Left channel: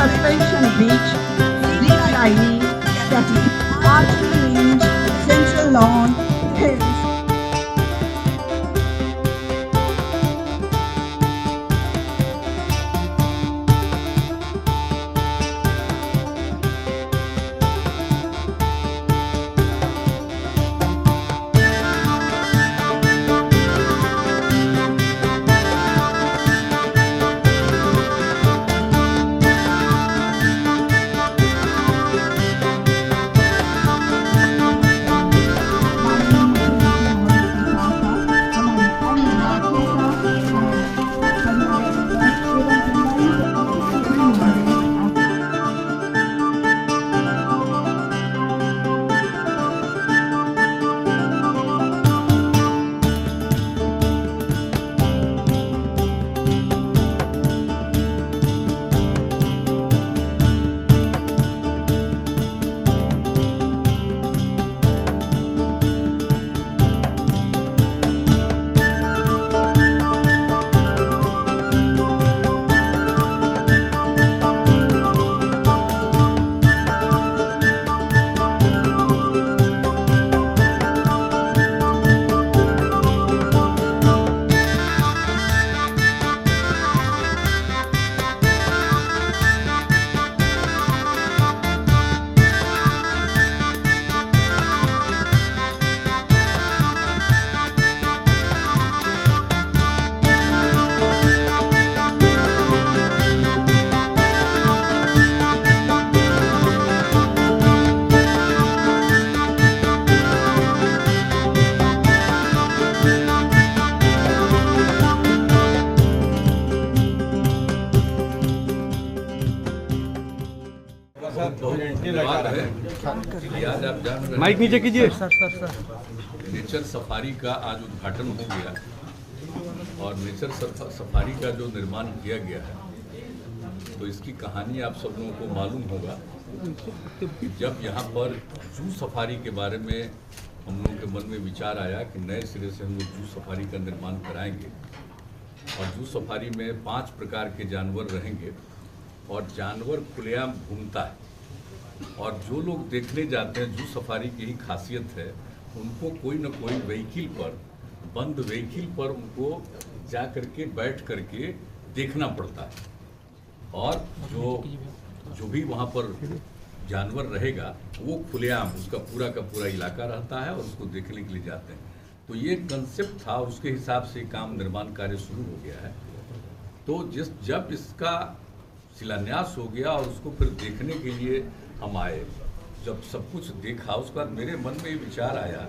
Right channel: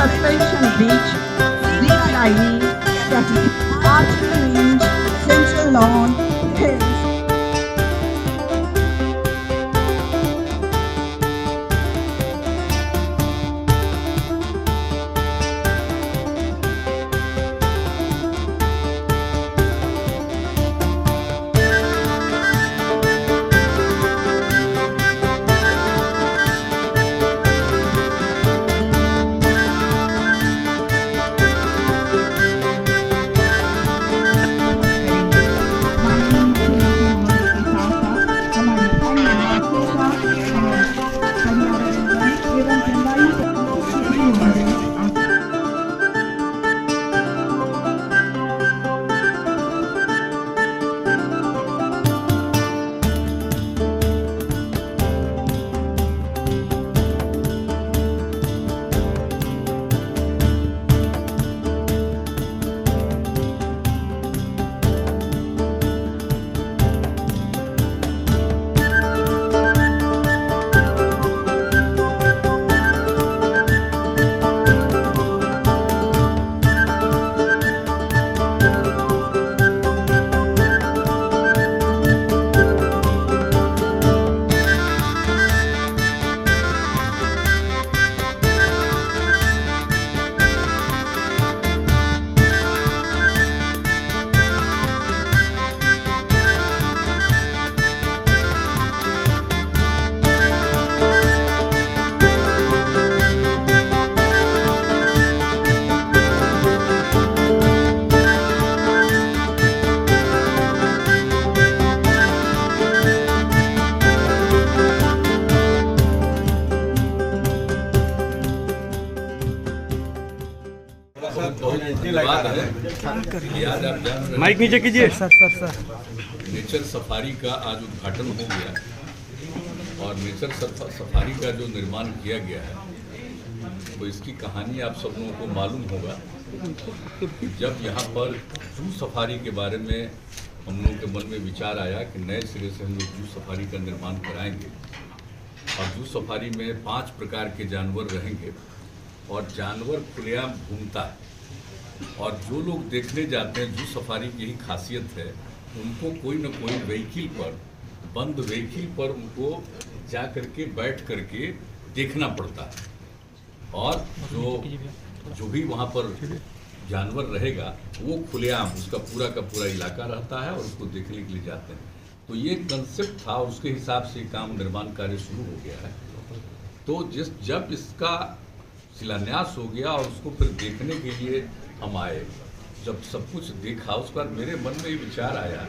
Suspension beach, zip lining, static archery range, central lawn, hills. धन्यवाद है कि आज आप जान रहे हैं माइक नीचे कीजिए। नेचर सफारी का आज उद्घाटन हो गया और नेचर सफारी का जो निर्माण किया गया है तो इसकी कहानी आप सब लोगों को मालूम होगा कि जब यहाँ पर जू सफारी के बारे में हम लोगों के मन में विचार आया कि नए सिरे से हम लोग जू सफारी का निर्माण कराएंगे और जू सफारी में 5 प्रकार के जानवर रहेंगे और जानवर खुलेआम घूमता है और जो लोग देखने जाते हैं जू सफारी की ही खासियत है उनको कोई न कोई व्हीकल पर बंद व्हीकल पर उनको जा करके बैठ करके देखना पड़ता है और जो भी वहाँ पर जानवर रहेगा वो खुलेआम उसका पूरा का पूरा इलाका रहता है और उसको देखने के लिए जाते हैं। तो ये कंसेप्ट था और उसके हिसाब से काम निर्माण कार्य शुरू हो गया है। तो जब इसका शिलान्यास हो गया और उसको फिर देखने के लिए हम आए, जब सब कुछ देखा उसके बाद मेरे मन में ये विचार आया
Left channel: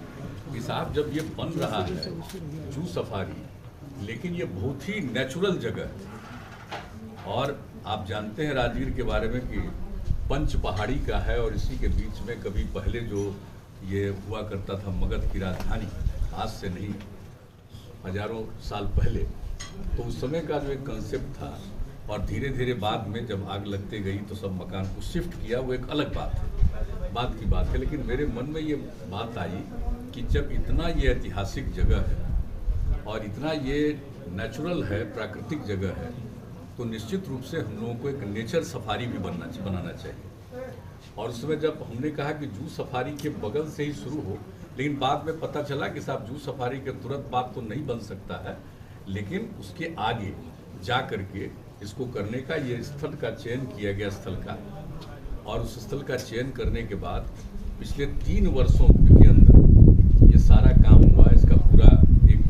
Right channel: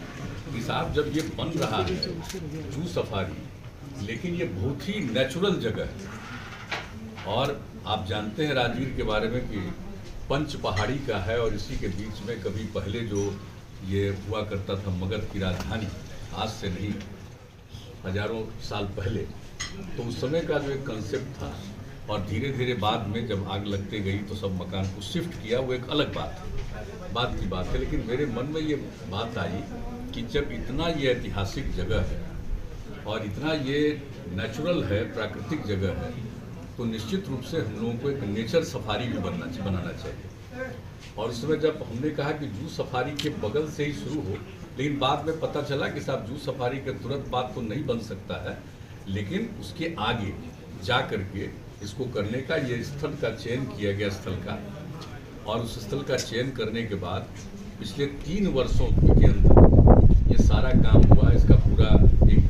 कि साहब जब ये बन रहा है जू सफारी, लेकिन ये बहुत ही नेचुरल जगह है और आप जानते हैं राजगीर के बारे में कि पंच पहाड़ी का है और इसी के बीच में कभी पहले जो ये हुआ करता था मगध की राजधानी, आज से नहीं हजारों साल पहले, तो उस समय का जो एक कंसेप्ट था और धीरे धीरे बाद में जब आग लगते गई तो सब मकान को शिफ्ट किया, वो एक अलग बात की बात है। लेकिन मेरे मन में ये बात आई कि जब इतना ये ऐतिहासिक जगह है और इतना ये नेचुरल है, प्राकृतिक जगह है, तो निश्चित रूप से हम लोगों को एक नेचर सफारी भी बनाना चाहिए। और उस समय जब हमने कहा कि जू सफारी के बगल से ही शुरू हो, लेकिन बाद में पता चला कि साहब जू सफारी के तुरंत बाद तो नहीं बन सकता है, लेकिन उसके आगे जा करके इसको करने का ये स्थल का चयन किया गया स्थल का, और उस स्थल का चयन करने के बाद पिछले 3 वर्षों के अंदर ये सारा काम हुआ। इसका पूरा एक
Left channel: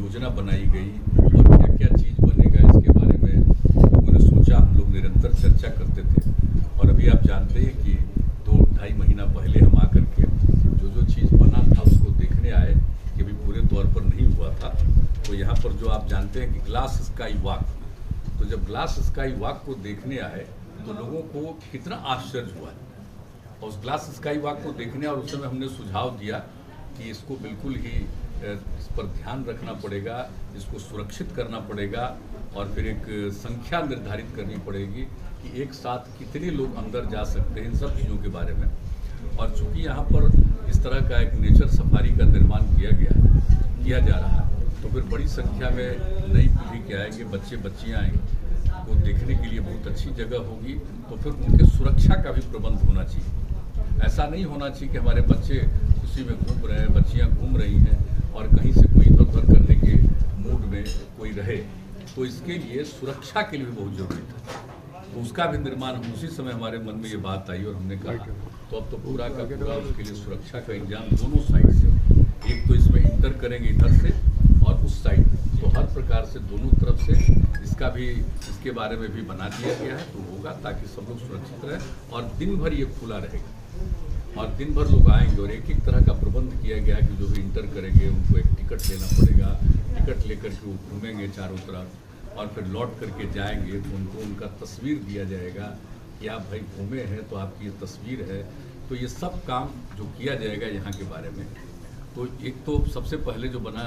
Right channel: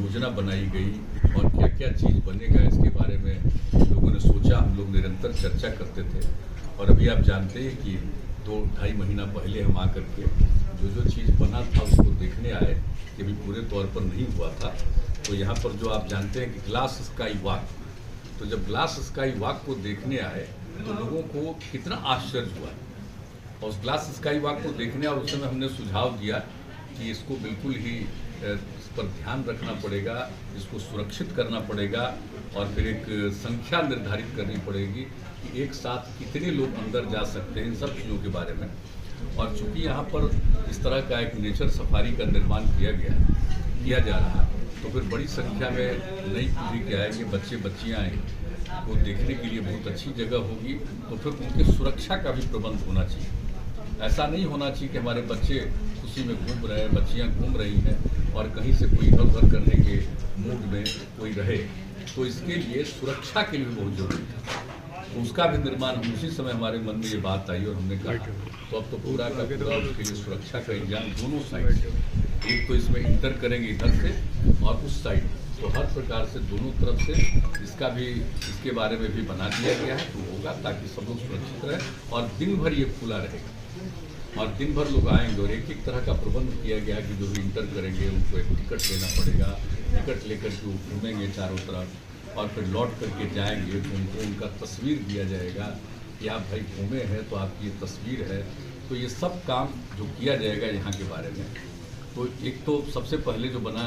योजना बनाई गई और क्या क्या चीज़ बनेगा इसके बारे में लोगों ने सोचा, हम लोग निरंतर चर्चा करते थे। और अभी आप जानते हैं कि 2-2.5 महीना पहले हम आकर के जो चीज़ बना था उसको देखने आए, कि अभी पूरे तौर पर नहीं हुआ था। तो यहाँ पर जो आप जानते हैं कि ग्लास स्काई वॉक, तो जब ग्लास स्काई वॉक को देखने आए तो लोगों को कितना आश्चर्य हुआ और उस ग्लास स्काई वॉक को देखने और उस समय हमने सुझाव दिया कि इसको बिल्कुल ही इस पर ध्यान रखना पड़ेगा, इसको सुरक्षित करना पड़ेगा और फिर एक संख्या निर्धारित करनी पड़ेगी कि एक साथ कितने लोग अंदर जा सकते हैं, इन सब चीज़ों के बारे में। और चूंकि यहाँ पर इस तरह का एक नेचर सफारी का निर्माण किया जा रहा है, तो फिर बड़ी संख्या में नई पीढ़ी के आएंगे, बच्चे बच्चियाँ आएंगे, वो देखने के लिए बहुत अच्छी जगह होगी। तो फिर उनके सुरक्षा का भी प्रबंध होना चाहिए। ऐसा नहीं होना चाहिए कि हमारे बच्चे खुशी में घूम रहे हैं, बच्चियाँ घूम रही हैं और कहीं से कोई इधर उधर करने के मूड में कोई रहे। तो इसके लिए सुरक्षा के लिए भी बहुत जरूरी है, तो उसका भी निर्माण उसी समय हमारे मन में ये बात आई और हमने कहा तो अब तो पूरा का पूरा उसके लिए सुरक्षा का इंतजाम दोनों साइड से, एक तो इसमें इंटर करेंगे इधर से और उस साइड, तो हर प्रकार से दोनों तरफ से इसका भी इसके बारे में भी बना दिया गया है। तो होगा ताकि सब लोग सुरक्षित रहें और दिन भर ये खुला रहेगा और दिन भर लोग आएंगे और एक एक तरह का प्रबंध किया गया है कि जो भी इंटर करेंगे उनको एक टिकट लेना पड़ेगा, टिकट लेकर के वो घूमेंगे चारों तरफ और फिर लौट करके जाएंगे तो उनको उनका तस्वीर दिया जाएगा कि आप भाई घूमे हैं तो आपकी ये तस्वीर है। तो ये सब काम जो किया जाएगा यहाँ के बारे में, तो एक तो सबसे पहले जो बना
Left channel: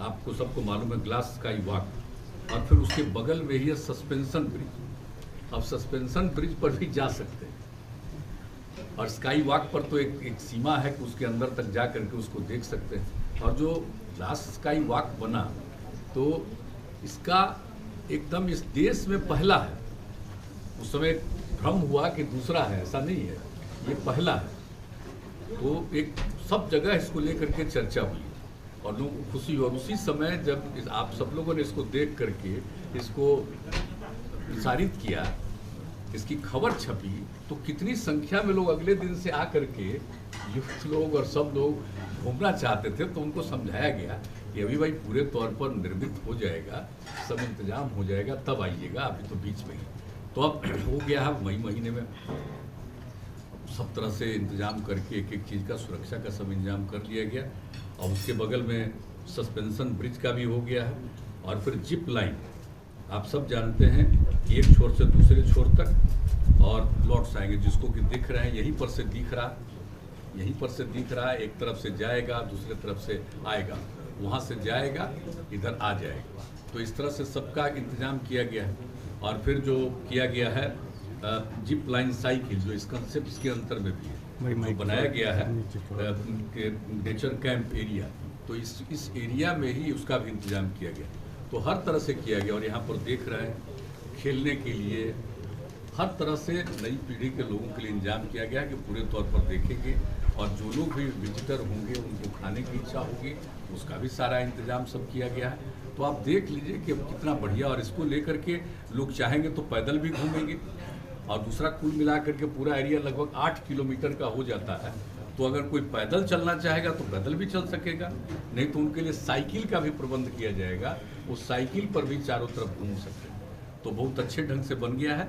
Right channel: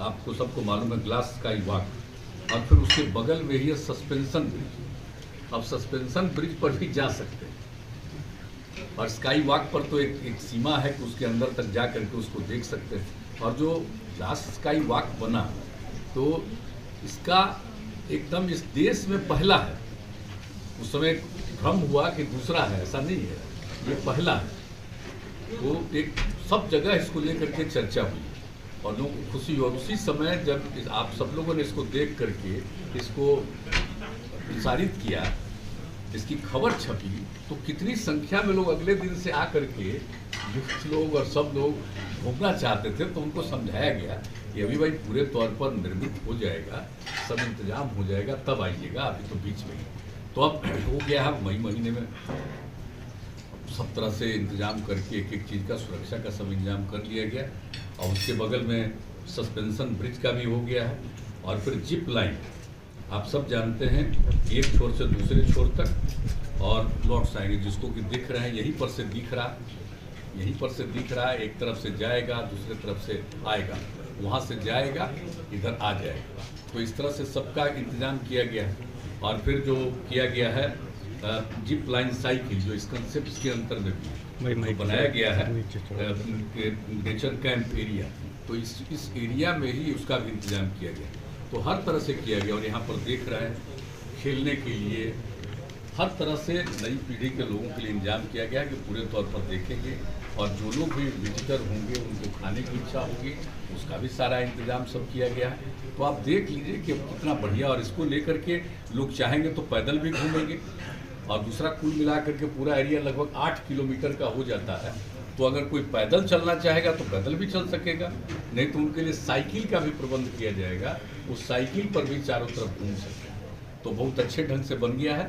आपको सबको मालूम है ग्लास स्काई वॉक और फिर उसके बगल में ही है सस्पेंशन ब्रिज। अब सस्पेंशन ब्रिज पर भी जा सकते हैं और स्काई वॉक पर तो एक सीमा है कि उसके अंदर तक जा करके उसको देख सकते हैं। और जो ग्लास स्काई वॉक बना तो इसका एकदम इस देश में पहला है। उस समय भ्रम हुआ कि दूसरा है, ऐसा नहीं है, ये पहला है। तो एक सब जगह इसको लेकर के चर्चा हुई और लोगों को खुशी हुई। और उसी समय जब आप सब लोगों ने इसको देख करके इसको प्रसारित किया, इसकी खबर छपी, तो कितनी संख्या में लोग अगले दिन से आकर के युक्त लोग और सब लोग घूमना चाहते थे। तो उनको समझाया गया कि अभी भाई पूरे तौर पर निर्मित हो जाएगा, सब इंतजाम हो जाएगा, तब आइएगा, अभी तो बीच में ही। तो अब हो गया है मई महीने में सब तरह से इंतजाम करके एक एक चीज़ का सुरक्षा का सब इंतजाम कर लिया गया और उसके बगल में सस्पेंशन ब्रिज का भी हो गया है। और फिर जिप लाइन आप सब जानते हैं, एक छोर से दूसरे छोर तक और लौट आएंगे, जिसको कि दिख रहे हैं यहीं पर से दिख रहा है, एक तरफ से जाएगा दूसरे तरफ से आएगा, वहाँ से जाएगा इधर आ जाएगा। तो इस तरह से सबका इंतजाम किया गया है। और फिर जो किया गया है जिप लाइन साइकिल, जो इस कंसेप्ट के अंतर में भी जो बनाया गया है नेचर कैंप एरिया, तो इस एरिया में ही उसका भी इंतजाम किया गया। तो हर तरह से किया गया और यहाँ पर देख रहे हैं खेलने के लिए हर तरह से नई पीढ़ी के लोगों के लिए इंतजाम किया गया कि पूरे तौर पर देखेंगे और जो लोग भी विजिटर होंगे उनको खाने की इच्छा होगी, उसका भी सारा इंतजाम सब किया गया है। तो आप देख लीजिए कि अब कितना बढ़िया, और इसको लेकर के लोग चाहेंगे तो पैदल भी घूमेंगे। और दूसरा कुल मिला करके पूरा एरिया लगभग 8 किलोमीटर का हो जाता है। तो अगर कोई पैदल चलना चाहेगा तो पैदल भी चल सकेगा, नहीं तो उनके लिए साइकिल का भी प्रबंध किया जाएगा, उस साइकिल पर भी चारों तरफ घूम सकते हैं। तो बहुत अच्छे ढंग से बन गया है।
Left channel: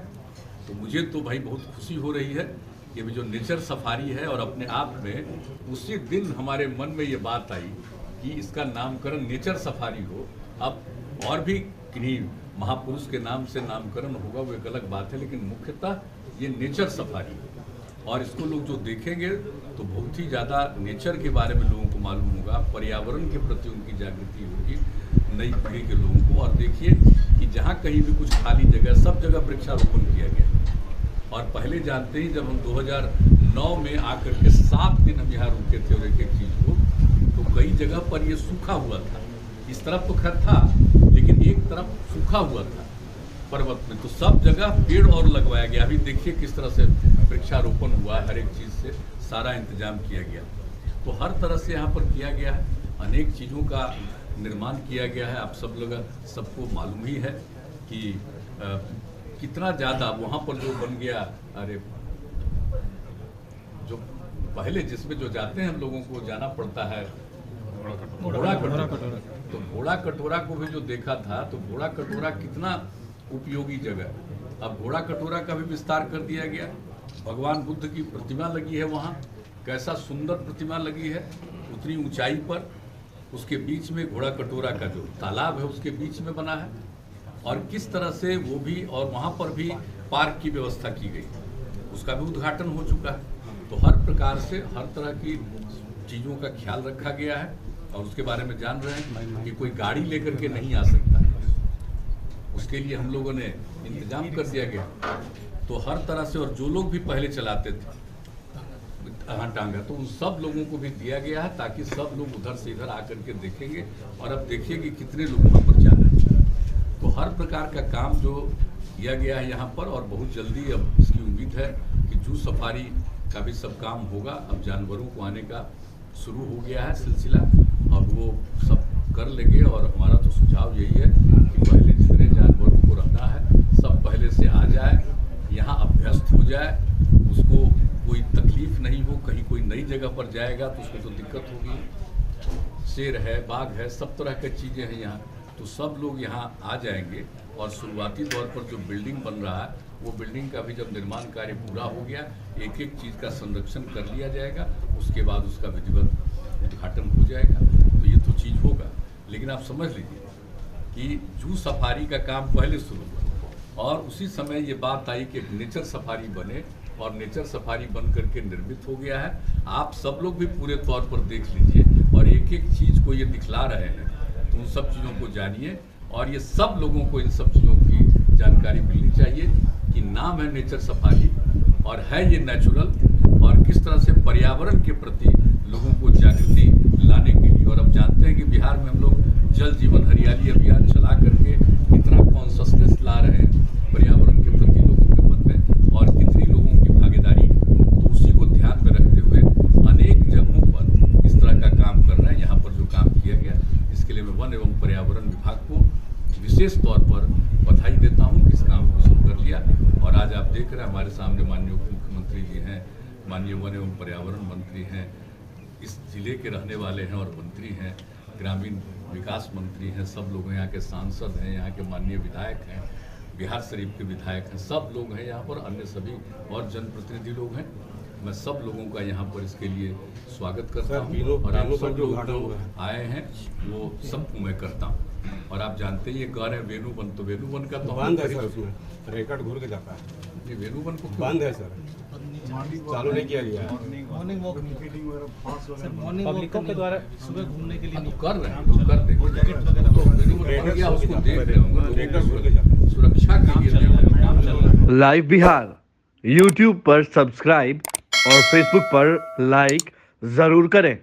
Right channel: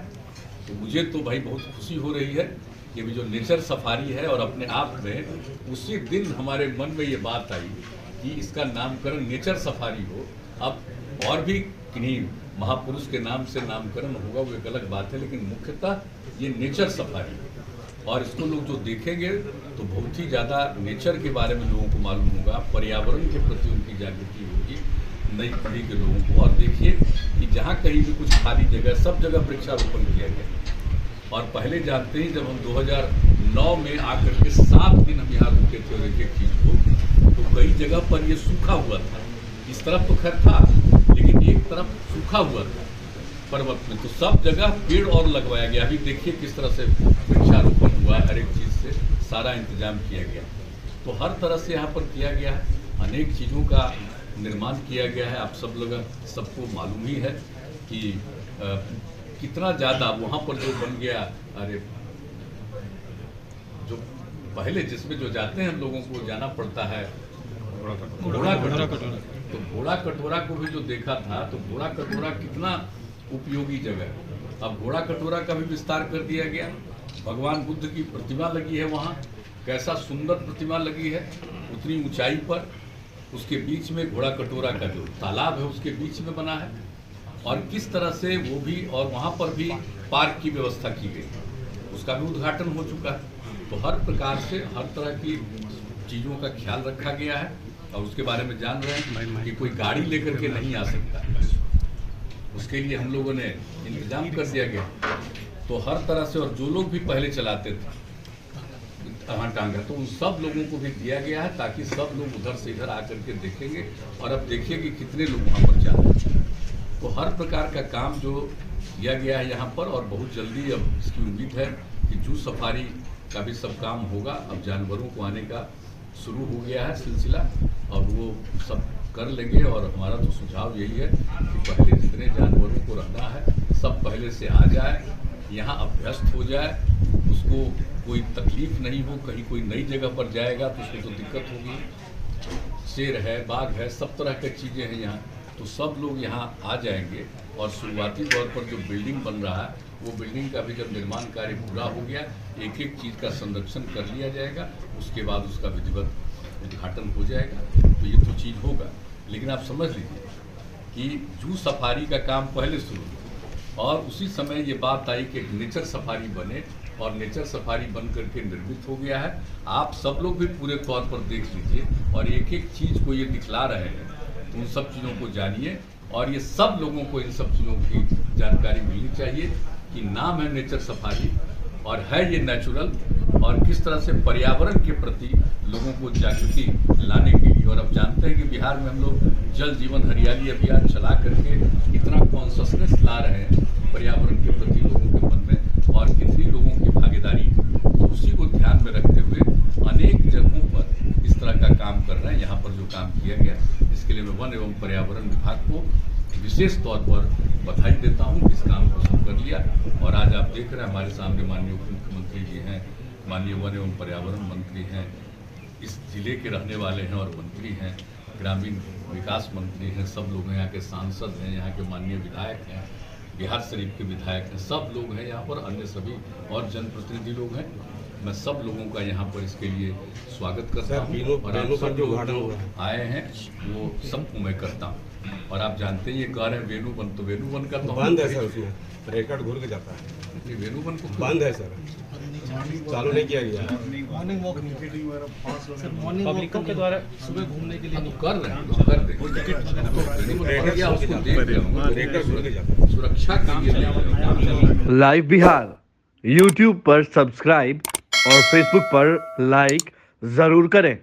तो मुझे तो भाई बहुत खुशी हो रही है कि अभी जो नेचर सफारी है, और अपने आप में उसी दिन हमारे मन में ये बात आई कि इसका नामकरण नेचर सफारी हो। अब और भी किन्हीं महापुरुष के नाम से नामकरण होगा वो एक अलग बात है, लेकिन मुख्यतः ये नेचर सफारी है। और इसको लोग जो देखेंगे तो बहुत ही ज़्यादा नेचर के बारे में लोगों को मालूम होगा, पर्यावरण के प्रति उनकी जागृति होगी नई पीढ़ी के लोगों को। और देखिए कि जहाँ कहीं भी कुछ खाली जगह, सब जगह वृक्षारोपण किया गया। और पहले जानते ही जब हम 2009 में आकर के 7 दिन हम यहाँ रुके थे और एक एक चीज़ को, तो कई जगह पर ये सूखा हुआ था। इस तरफ तो खैर था, लेकिन एक तरफ सूखा हुआ था पर्वत में, तो सब जगह पेड़ और लगवाया गया। अभी देखिए किस तरह से वृक्षारोपण हुआ, हर एक चीज़ से सारा इंतजाम किया गया। तो हर तरह से यहाँ पर किया गया है, अनेक चीज़ों का निर्माण किया गया है। आप सब लोग सबको मालूम ही है कि कितना ज़्यादा वहाँ पर जो बन गया। अरे जो पहले जिसमें जो जाते हैं हम लोगों को जाना पड़ता है घोड़ा कटोरा, तो घोड़ा कटोरा को भी जो देखा था, तो घोड़ा कटोरा कितना उपयोगी जगह। अब घोड़ा कटोरा का भी विस्तार कर दिया गया। भगवान बुद्ध की प्रतिमा लगी है वहाँ, कैसा सुंदर प्रतिमा लगी है, उतनी ऊंचाई पर, उसके बीच में घोड़ा कटोरा का जो तालाब है उसके बीच में बना है। और किस तरह से वो भी, और वहाँ पर भी पार्क की व्यवस्था की गई, उसका भी उद्घाटन हो चुका है। तो हर प्रकार से हर तरह की चीज़ों का ख्याल रखा गया है और उसके बारे में जान रहे हैं कि कोई गाड़ी लेकर के नहीं आ सकता, उसके लिए हम लोगों ने इंतजाम कर दिया गया। तो हर तरह से, और जो लोग भी पहले चलाते थे टांगा, तो उन सब लोगों को भी दिया गया है ताकि सब लोग उधर से इधर आकर के देखेंगे। और अब देखिए कि कितने लोग वहाँ पर जा रहे हैं। तो हर प्रकार का काम जो किया गया है यहाँ पर, और बहुत जल्दी अब इसकी उम्मीद है कि जू सफारी का भी सब काम होगा। अब जानवरों को आने का शुरू हो गया है सिलसिला, और वो सब कर लेंगे। और हमारा तो सुझाव यही है कि पहले जितने जानवरों को रहना है सब पहले से आ जाए, यहाँ अभ्यस्त हो जाए, उसको कोई तकलीफ नहीं हो। कहीं कोई नई जगह पर जाएगा तो उसको तो दिक्कत होगी। शेर है, बाघ है, सब तरह की चीज़ें हैं यहाँ, तो सब लोग यहाँ आ जाएंगे। और शुरुआती तौर पर जो बिल्डिंग बन रहा है, वो बिल्डिंग का भी जब निर्माण कार्य पूरा हो गया, एक एक चीज़ का संरक्षण कर लिया जाएगा, उसके बाद उसका विधिवत उद्घाटन हो जाएगा। तो ये तो चीज़ होगा, लेकिन आप समझ लीजिए कि जू सफारी का काम पहले शुरू हुआ और उसी समय ये बात आई कि एक नेचर सफारी बने, और नेचर सफारी बन करके निर्मित हो गया है। आप सब लोग भी पूरे तौर पर देख लीजिए और एक एक चीज़ को ये दिखला रहे हैं, तो उन सब चीज़ों को जानिए। और ये सब लोगों को इन सब चीज़ों की जानकारी मिलनी चाहिए कि नाम है नेचर सफारी और है ये नेचुरल, और किस तरह से पर्यावरण के प्रति लोगों को जागृति लाने के लिए। और अब जानते हैं कि बिहार में हम लोग जल जीवन हरियाली अभियान चला करके कितना कॉन्शसनेस ला रहे हैं पर्यावरण के प्रति लोगों के मन में, और कितनी लोगों की भागीदारी। तो उसी को ध्यान में रखते हुए अनेक जगहों पर इस तरह का काम कर रहे हैं। यहाँ पर जो काम किया गया, इसके लिए मैं वन एवं पर्यावरण विभाग को विशेष तौर पर बधाई देता हूँ कि इस काम को सब कर लिया। और आज आप देख रहे हैं हमारे सामने माननीय उप मुख्यमंत्री जी हैं, माननीय वन एवं पर्यावरण मंत्री हैं, इस जिले के रहने वाले हैं और मंत्री हैं, ग्रामीण विकास मंत्री हैं, सब लोग हैं, यहाँ के सांसद हैं, यहाँ के माननीय विधायक हैं, बिहार शरीफ के विधायक हैं, सब लोग हैं यहाँ पर, अन्य सभी और जनप्रतिनिधि लोग हैं। मैं सब लोगों का यहाँ पर इसके लिए स्वागत करता हूँ, और आप सब लोग जो आए हैं वो सबको मैं करता हूँ। और आप जानते हैं ये कह रहे हैं वेणुवन, तो वेणुवन का तो बंद है सर, रिकॉर्ड घूर के जाता है। ये वेणुवन को बंद है सर, चालू नहीं किया गया। मॉर्निंग वॉक पब्लिकों के द्वारा सुबह घूमने के लिए तो कर रहे हैं, तो कर देंगे, उसको देख रहे होंगे, सुरक्षा के लिए काम चल रहा है। लाइव बिहार यूट्यूब पर सब्सक्राइब और फेसबुक पर लाइक जरूर करें।